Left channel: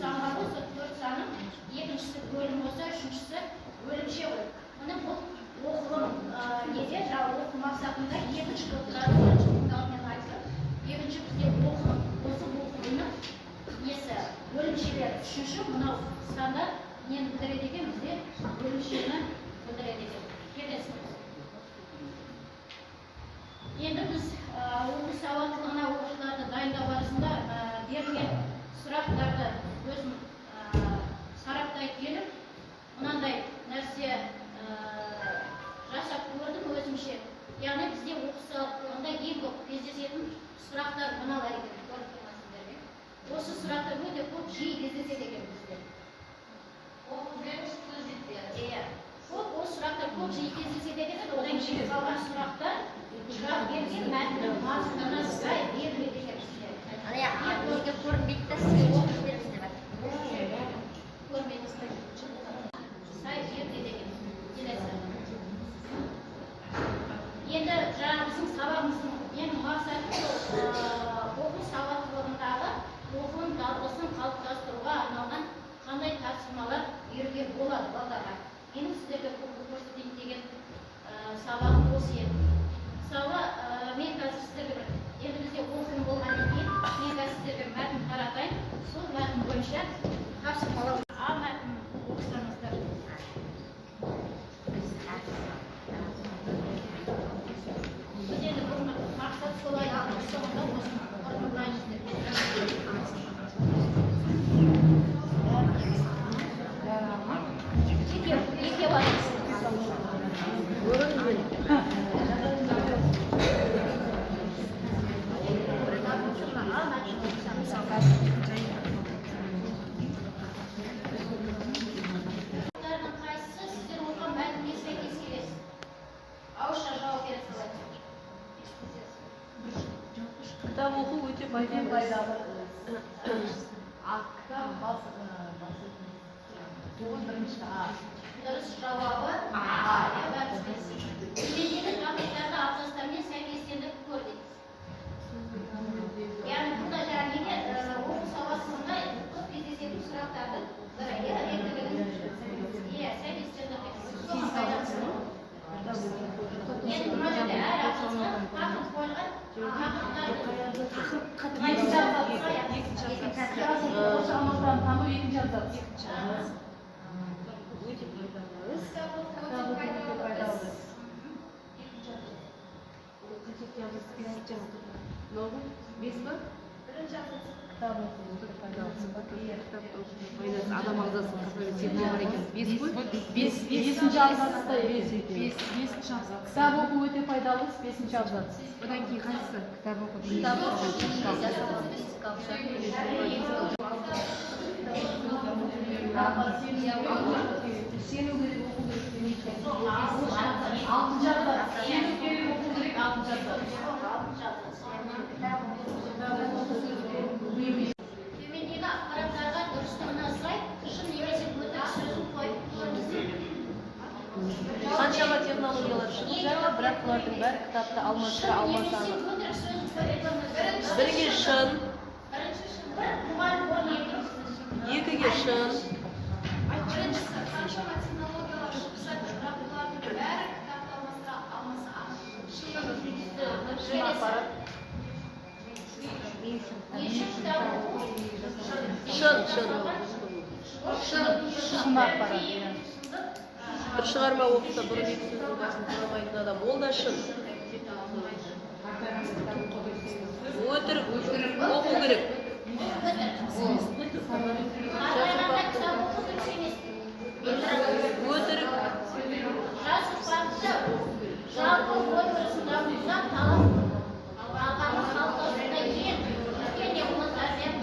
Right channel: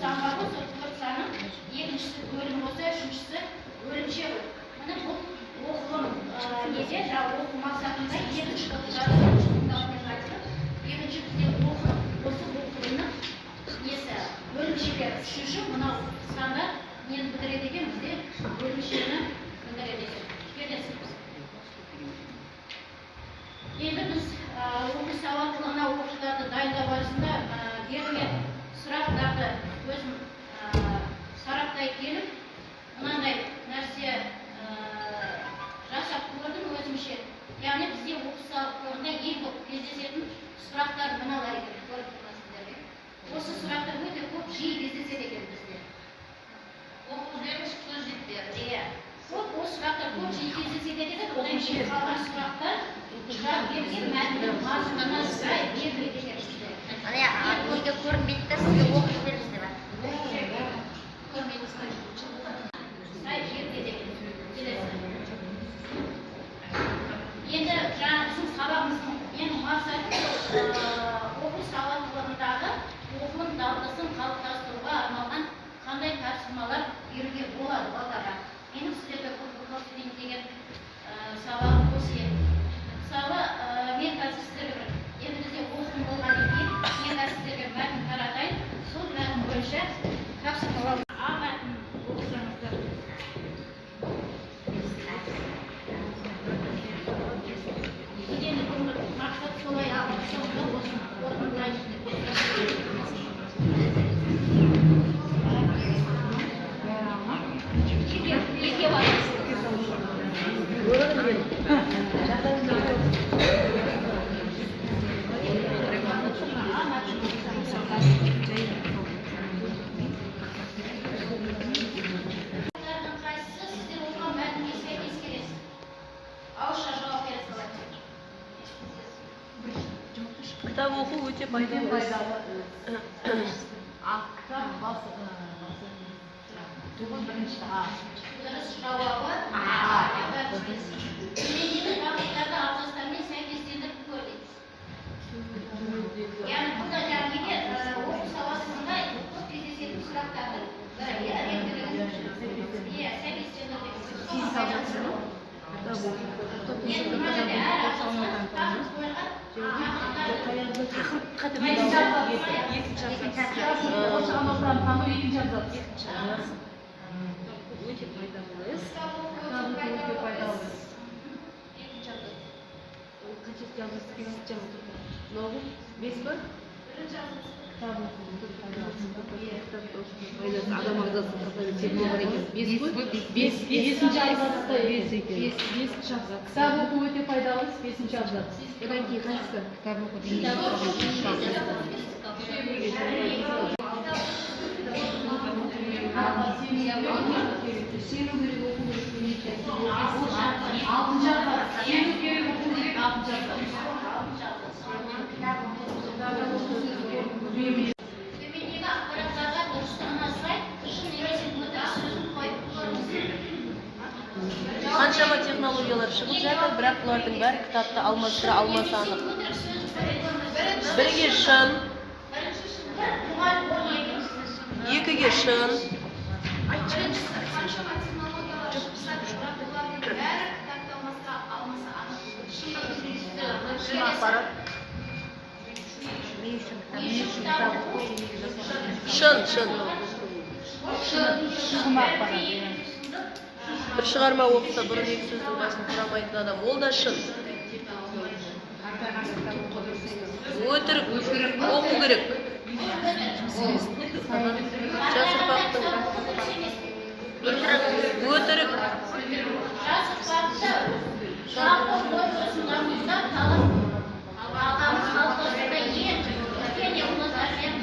сан бар ғой, сол 4 санның екіншісі бөлім болса, үшіншісі бөлімше ғой. Міне бұл оқылым неде, жаңағы оқу мақсатында екінші қылықтарды екінші бізде оқылым, осы оқылымның несі бөлімшелері. Үшінші мынау санда нені білдіреді екен, бізде бөлімшені білдіреді екен. Келесіңіз. Енді біз оқу сауаттылығына оқушыларды дайындау барысында берілген сұрақтарды өзім сараптай келіп, мынандай нәрсе жасап көрдім өзімше. Яғни бізде оқу сауаттылығында ең көп кездесетін сұрақтар мыналар екен, көріп тұрсыздар. Осы сұрақтар өте көп жиі кездеседі екен бізде. Оқу жүргізуші көз жетпеді. Иә. Осы сұрақтар көп жиі кездеседі екен, одан кейін қалған сұрақтар шығарып берген мәтіннің мазмұнына сай беріледі екен бізде. Ана неге көрінбейді де сізге оқып береміз деп жатыр. Көрмейміз. Сай беріледі екен. Енді жаңағы біздің сабағымыздың ең мақсаты оқу сауаттылығындағы оқылым дағдысын қалыптастыруға арналған қандай тапсырмалар беруге болады балаларға. Менің сіздерге көрсетейін деген сабағым осы еді. Мысалы, мен қазір сіздерге енді бізде оқылым болғаннан кейін мен қазір сіздерге мәтін таратайын. Сол мәтін бойынша тапсырмалар. А мәтін оқысаңыздар. Мақсат солай Kitap oku өте пайдалы. Ал кітап туғын бірінші дұрыс жауабы төмендегі тақырыптарды абзацтармен сәйкестендіріп көр дейді. Яғни burada неге оқу сауаттылығында көп кездесетін сұрақтардың бірі сәйкестендіріп. Енді мына жерде әр абзацқа тақырып қойылған. Осыған оқыған тану екінші абзац. Өте пайдалы. Өте пайдалы. Қаншет абзац екінші абзац. Мынау 5 па? Бірінші абзац. Кітап оқу өте пайдалы. Адам ағзасын қатар бар екен. 5 қой? 5-ші абзацта 5-ші абзац. Кітап оқу өте пайдалы, 5-ші абзац. Одан кейін қайсысы? Кітап оқу деген сену керек, оқу керек. 6-ші абзац. Сену керек, оқу керек, 6-ші абзац. Төмендегі ақпараттарға дұрыстығына сай шын немесе өтірік сөзін қойып көріңіздер. Қаншама технологиялар шығып жатыр, бірақ бұлардың бәрі кітапты алмастыра алмасы анық. Бірге шын, екіге шын. Қаншама технологиялар шығып жатыр, бірақ бұлардың бәрі кітапты алмастыра алмасы анық. Шын ақпарат. Шын ақпарат. Бір шығарма оқыса, бұрын екі сөздің басын тұрамайтын адам, ол да шын. Өтірік оқу керек. Өтірік. Жалпы ой тұрсындарымызда талап ағамыз қалыптасында ең және ұлыстармен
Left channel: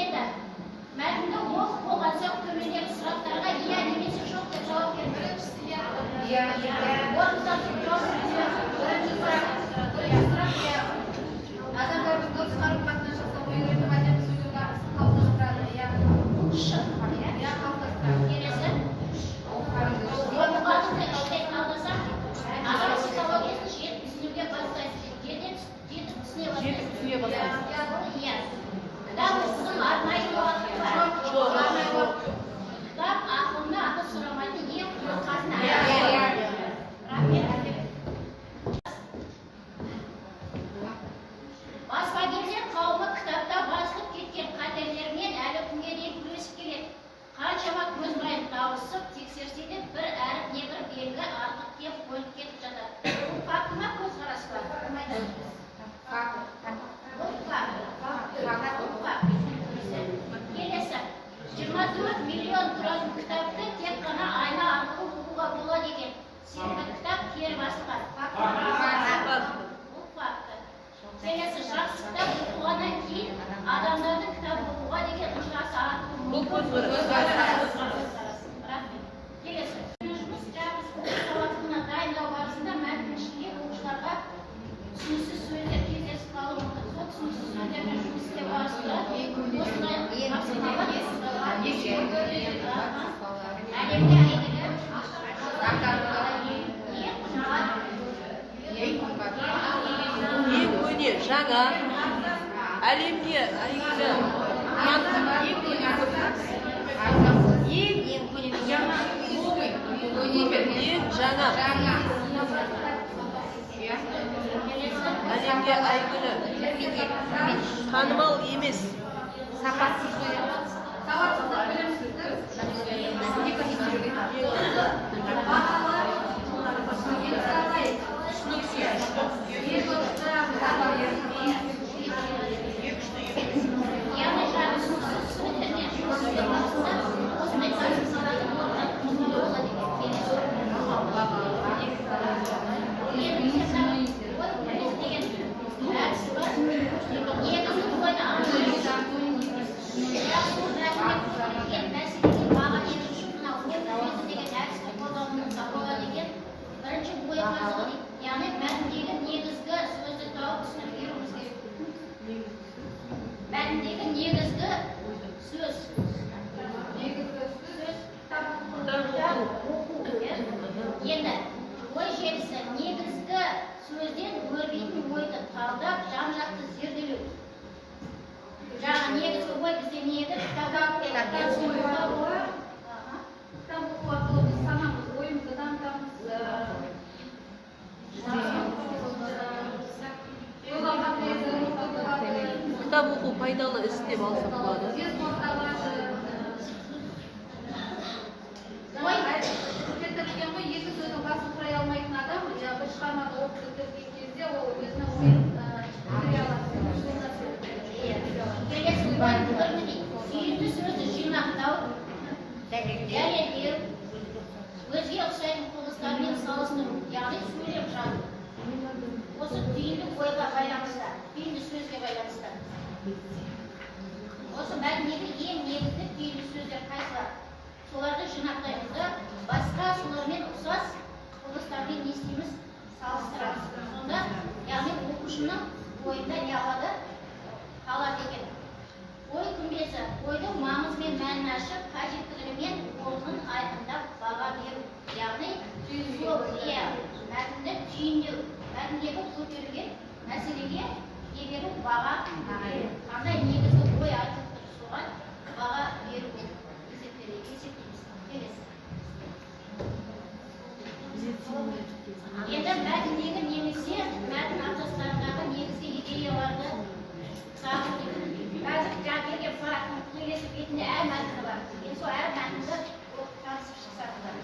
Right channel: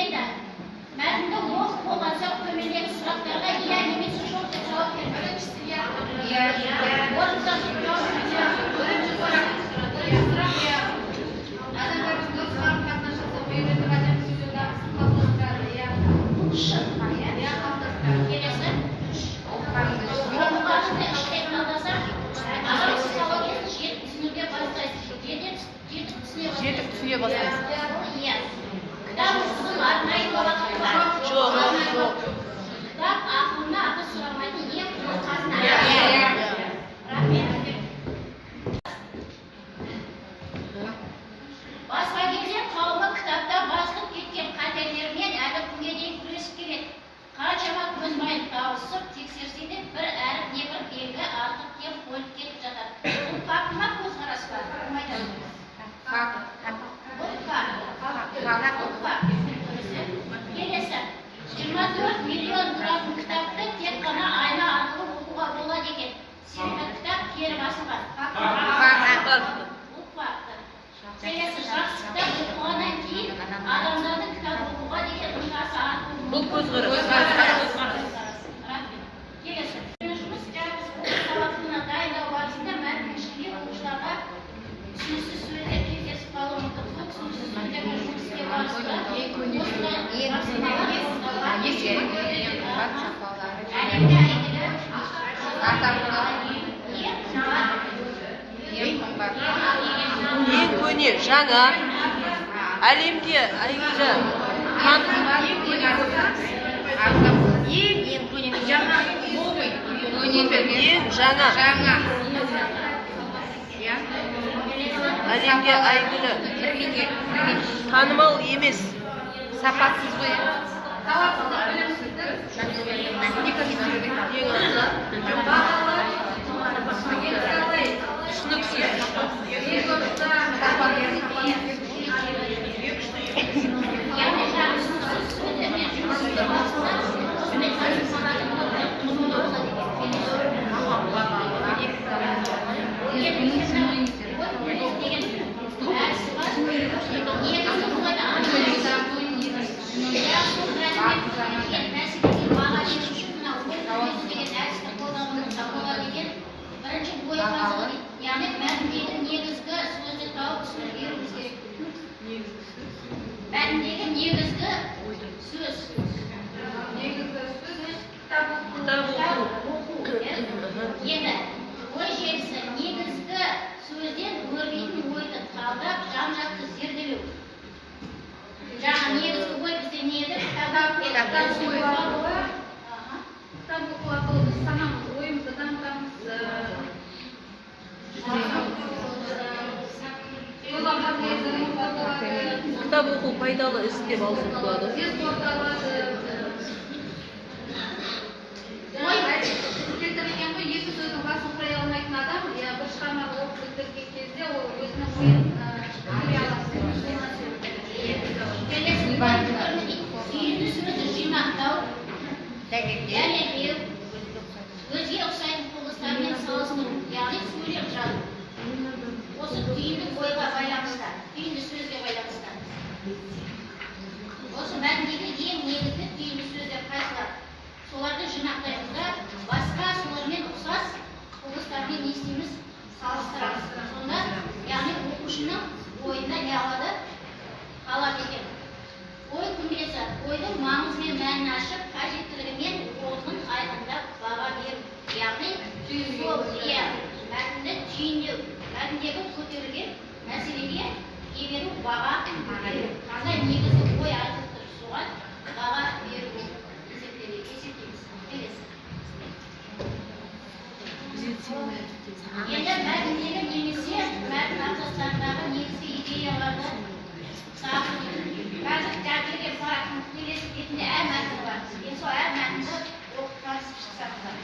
енді мәтінді оқып болған соң төмендегі сұрақтарға иә немесе жоқ деп жауап беру. Бірінші сұрақ адамдардың дұрыс қарым-қатынас жасап үйреніп әдемі сөйлеу дағдысын қалыптастырады. Бұл шын. Келесі жетіп түсіне бастайсыз. жаңа әлемде Айгүлжан таным ең көне Ең көне жаңа. ең жаңа әлемде әйгілі танымал емес Сапасыз ғой. Яғни мәтіндегі негізгі сөзді тауып сөз беруіміз керек. Мәтіндегі негізгі сөз. Енді ой желісі негізгі сөзден өрбейтін ойды талдап жан-жақты зерделеу. Жаңа негізгі ой бізде не еді? Кітап оқу арқылы біз санамыз, ойымызды дамытамыз. кітап оқу пайдалы іс деп алсақ болады келтірілген ғой екі сөздің басын құрай алмайтын адам бір шығарманы оқып бітірген кезде ол өзінің ойын көре алады. Түйінді сөзді жинақтау, дәлелдеу, өзге ұқсайтын құбылыстармен салыстыру, яғни сөйлеп жазу. Осы түйінді ойға байланысты, түйінді сөзге байланысты. Осы мәтіндегі ең негізгі түйінді сөздер қайсылар? Соларды жинақтаймыз да басқа солармен ұқсас құбылыстармен не істейміз? Салыстырамыз. Сонда, яғни оқушының ойында не алады? Қалады екен. Ой күмбезі, ойдың маңызы мен мәнін ашып, қажеттілігі мен орнын айқындап баға беру. Яғни сол мәтінді түйіндеу, мәтіндегі көтерілген мәселеге беру, баға беру. Қандай негізгі ой айтып тұр, соған баға беру. Есептейміз. Енді мәтіндегі немесе мәтін абзацтарындағы негізгі идеяларды сағын. Қазір келген парақтың келесі бетінде әр мәтіні бар. Енді сол әр мәтінді оқып танысып шықсаңыздар.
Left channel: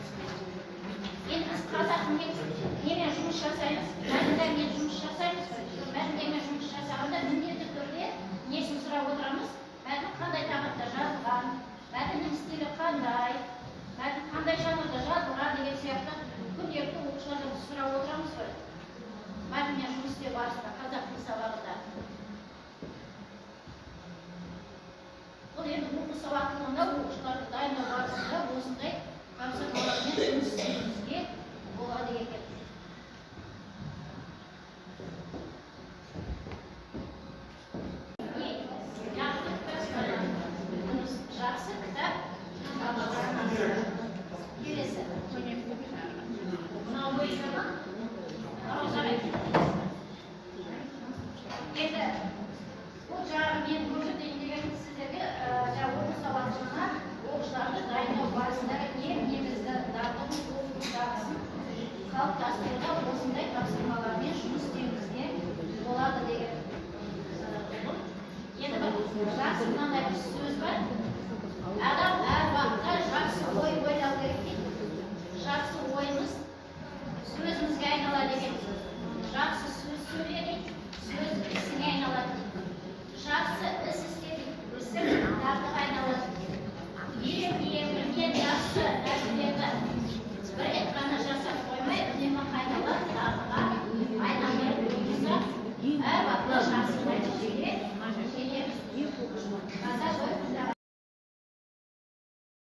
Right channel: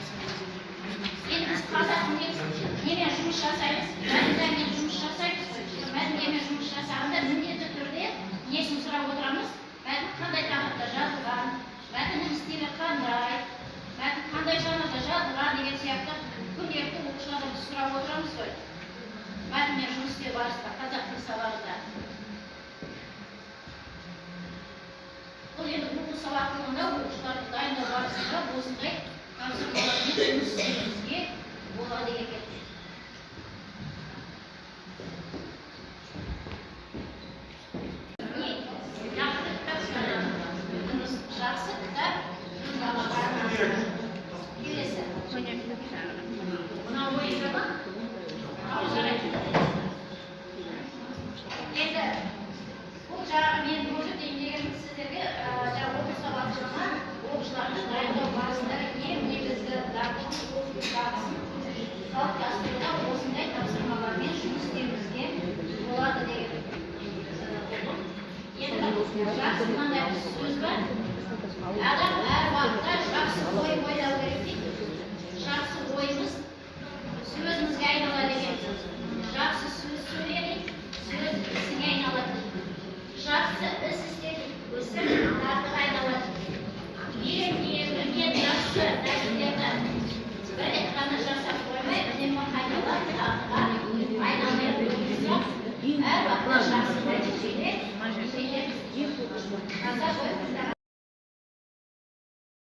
Енді біз қазақ немен жұмыс жасаймыз? Мәтіндермен жұмыс жасаймыз. Мәтіндермен жұмыс жасағанда міндетті түрде несін сұрап отырамыз? Мәтін қандай тақырыпта жазылған? Мәтіннің стилі қандай? Мәтін қандай жанрда жазылған деген сияқты күнделікті оқушылардан сұрап отырамыз ғой. Мәтінмен жұмыс істеу барысында қазақ тілі сабағында. Бұл енді оқу сабақтылығында оқушыларды дайындау барысында осындай тапсырмалармен жұмыс істеуімізге болады екен. Жақсы кітап келесі. Мынау ойында ма? Жарайды. Енді бұл жаңағы мен көрсетейін деген сіздерге оқу сабақтарына оқушыларды дайындау барысындағы ең негізгі дағдының оқу дағдысын қалыптастыруда осындай тапсырмалармен жұмыс істеуімізге болады деген. Енді жақсы